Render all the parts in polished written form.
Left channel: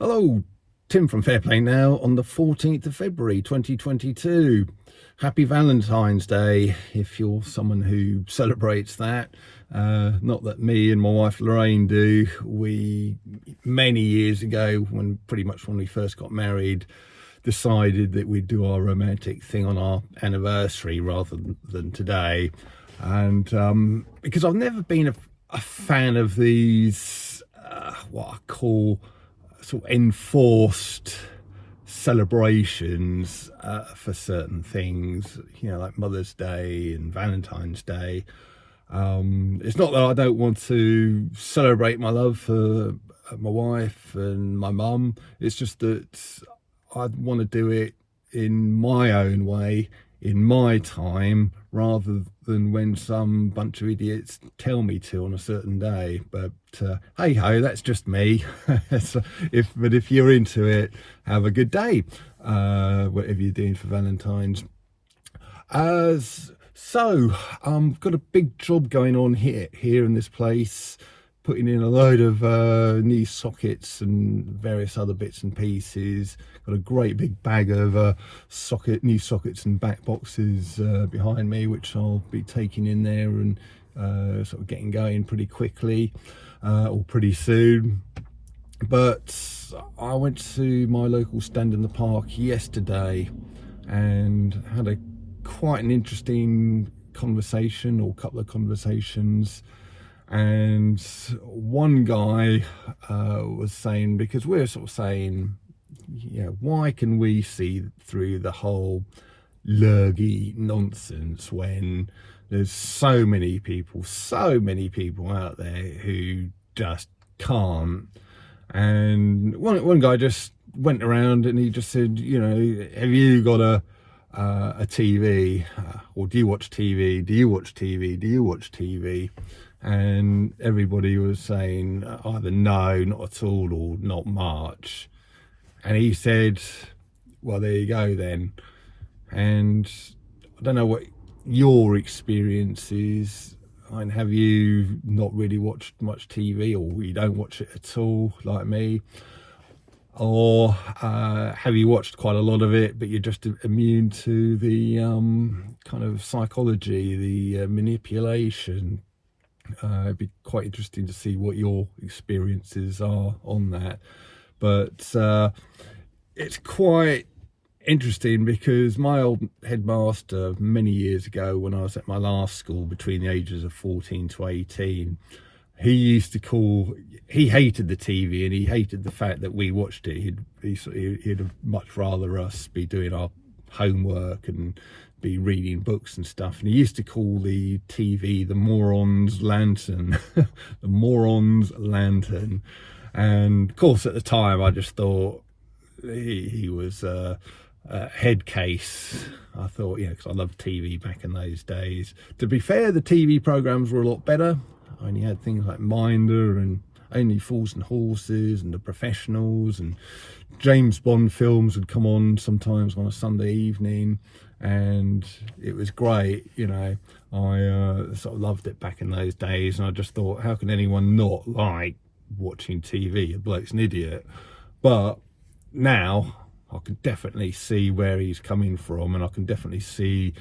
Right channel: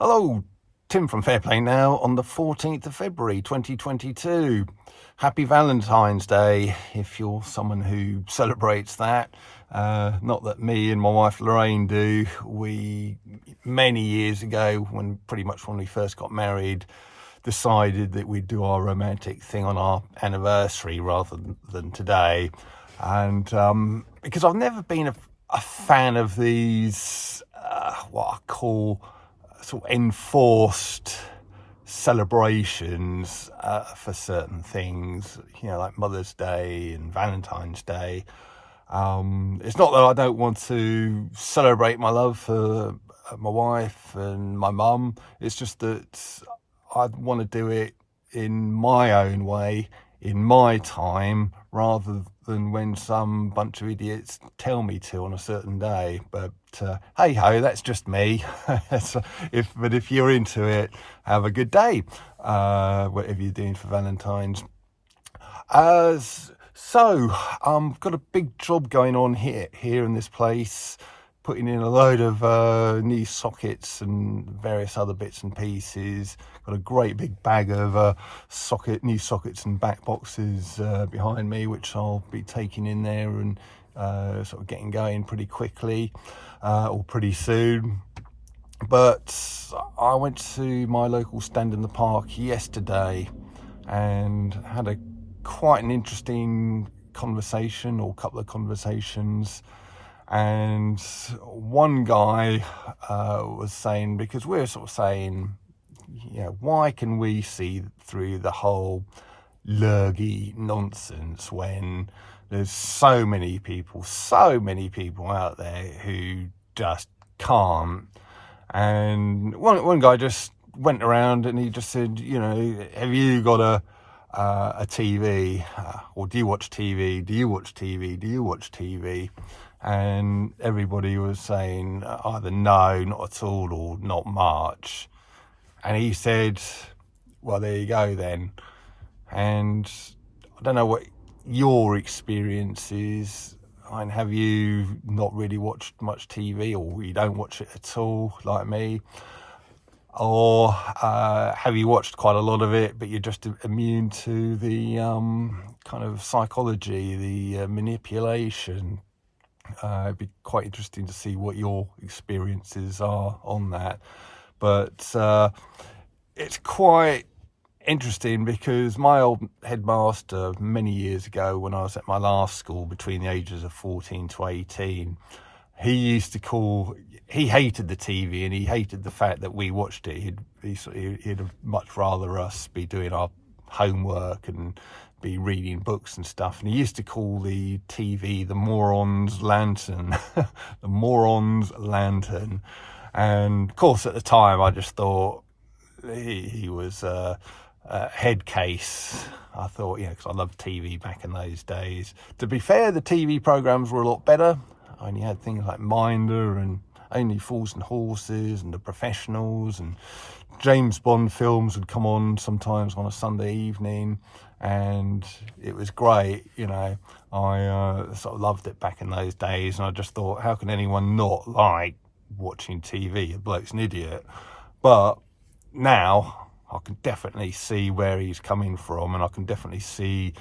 Hello, Tim from Fairplay Now on the 14th of February 2022. Happy Valentine's Day if you're someone who celebrates that. Not that me and my wife Lorraine do. We, many years ago, when we first got married, decided that we'd do our romantic thing on our anniversary rather than today. And because I've never been a fan of these, what I call sort of enforced celebrations for certain things, like Mother's Day and Valentine's Day. It's not that I don't want to celebrate my love for my wife and my mum. It's just that I want to do it in my own way, in my time, rather than when some bunch of idiots tell me to on a certain day. But hey ho, that's just me. But if you're into it, have a good day, whatever you're doing for Valentine's. So got a big job going on here in this place, putting in a load of new sockets and various other bits and pieces. Got a great big bag of new sockets and back boxes behind me, which I'll be taking in there and sort of getting going pretty quickly or pretty soon. But I went to my local stand in the park yesterday and had quite an interesting conversation, or couple of conversations. And one guy was saying, because we're sort of saying, why can we see through the whole lurgy nonsense when there's so many people out there who just can't? And one guy just went around and he just said, have you got a TV, or do you watch TV? Do you watch TV? Do you watch TV? And everybody was saying either no, not at all, or not much. And he said, well, there you go then. And I don't know what your experience is. And have you not really watched much TV, or you don't watch it at all like me? Or have you watched quite a lot of it, but you're just immune to the kind of psychology, the manipulation? It'd be quite interesting to see what your experiences are on that. But it's quite interesting because my old headmaster many years ago, when I was at my last school between the ages of 14 to 18, he hated the TV and he hated the fact that we watched it. He'd much rather us be doing our homework and be reading books and stuff. And he used to call the TV the Moron's lantern, the Moron's lantern. And of course, at the time, I just thought he was a head case. I thought, because I loved TV back in those days. To be fair, the TV programs were a lot better. I only had things like Minder and Only Fools and Horses and The Professionals, and James Bond films would come on sometimes on a Sunday evening, and it was great. I sort of loved it back in those days, and I just thought, how can anyone not like watching TV? The bloke's an idiot. But now I can definitely see where he's coming from, and I can definitely see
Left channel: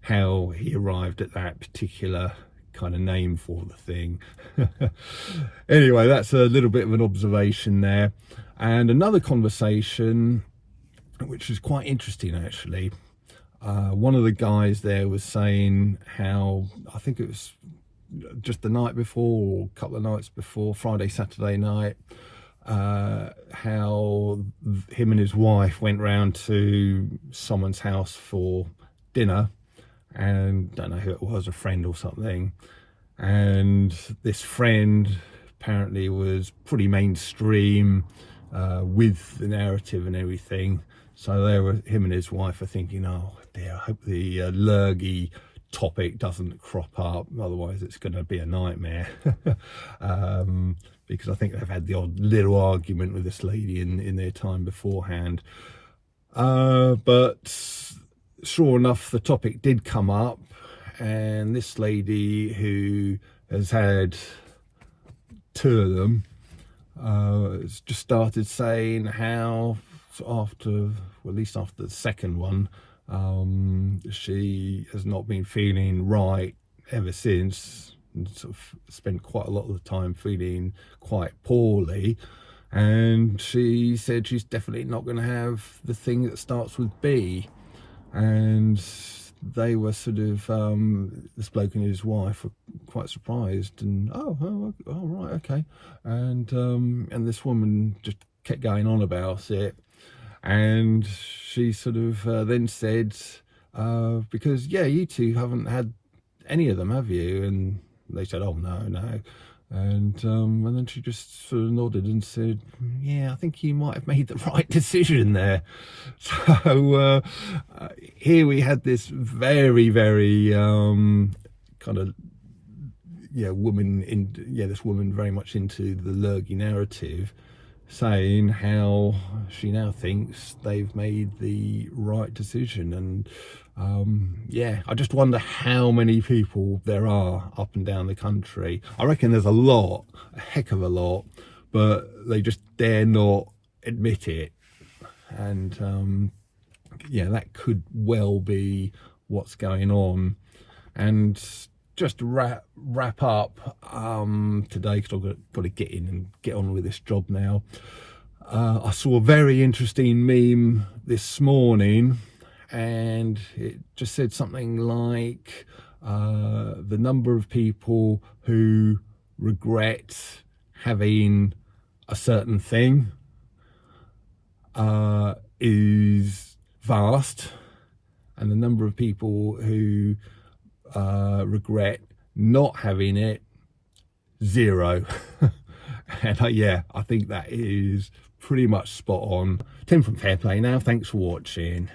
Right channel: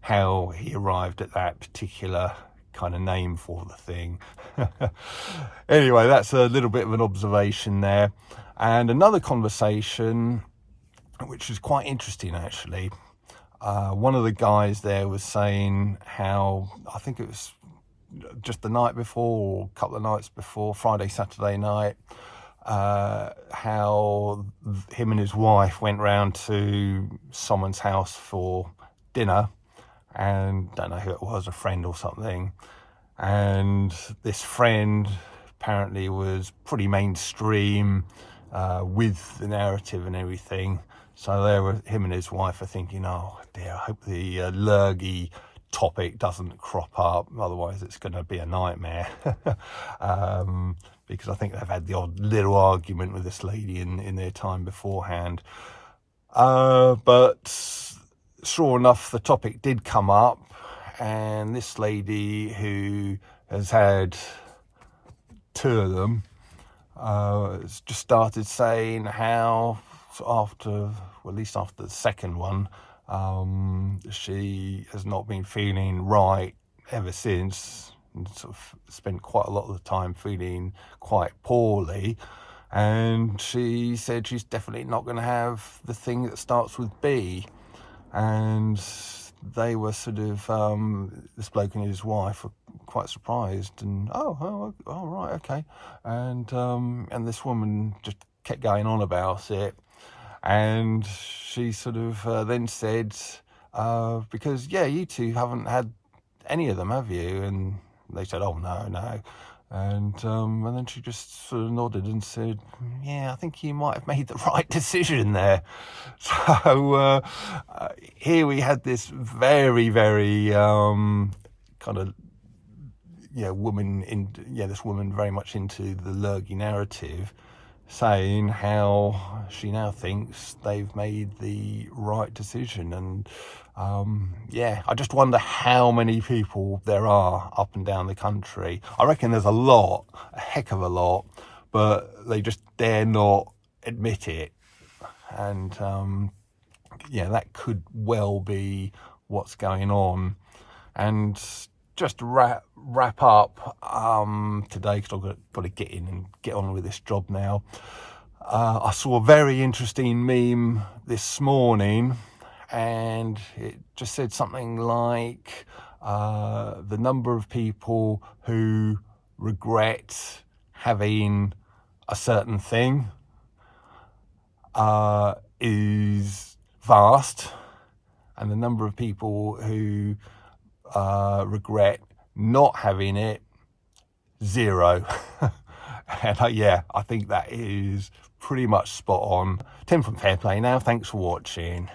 how he arrived at that particular kind of name for the thing. Anyway, that's a little bit of an observation there. And another conversation, which was quite interesting actually. One of the guys there was saying how, I think it was just the night before, or a couple of nights before, Friday, Saturday night, how him and his wife went round to someone's house for dinner, and don't know who it was, a friend or something. And this friend apparently was pretty mainstream with the narrative and everything. So there were, him and his wife are thinking, oh dear, I hope the lurgy topic doesn't crop up, otherwise it's going to be a nightmare. Because I think they've had the odd little argument with this lady in their time beforehand. But sure enough, the topic did come up, and this lady, who has had two of them, just started saying how after, well, at least after the second one, she has not been feeling right ever since, and sort of spent quite a lot of the time feeling quite poorly. And she said she's definitely not going to have the thing that starts with B. And they were sort of, this bloke and his wife were quite surprised, and oh right, okay. And this woman just kept going on about it, and she sort of then said, because you two haven't had any of them, have you? And they said, oh no. And then she just sort of nodded and said, yeah, I think you might have made the right decision there. So here we had this very, very kind of, this woman very much into the Lurgy narrative, saying how she now thinks they've made the right decision. And I just wonder how many people there are up and down the country. I reckon there's a heck of a lot, but they just dare not admit it. And that could well be what's going on. And just to wrap up today, because I've got to get in and get on with this job now. I saw a very interesting meme this morning, and it just said something like the number of people who regret having a certain thing is vast, and the number of people who regret not having it, 0. And I think that is pretty much spot on. Tim from Fairplay now, thanks for watching.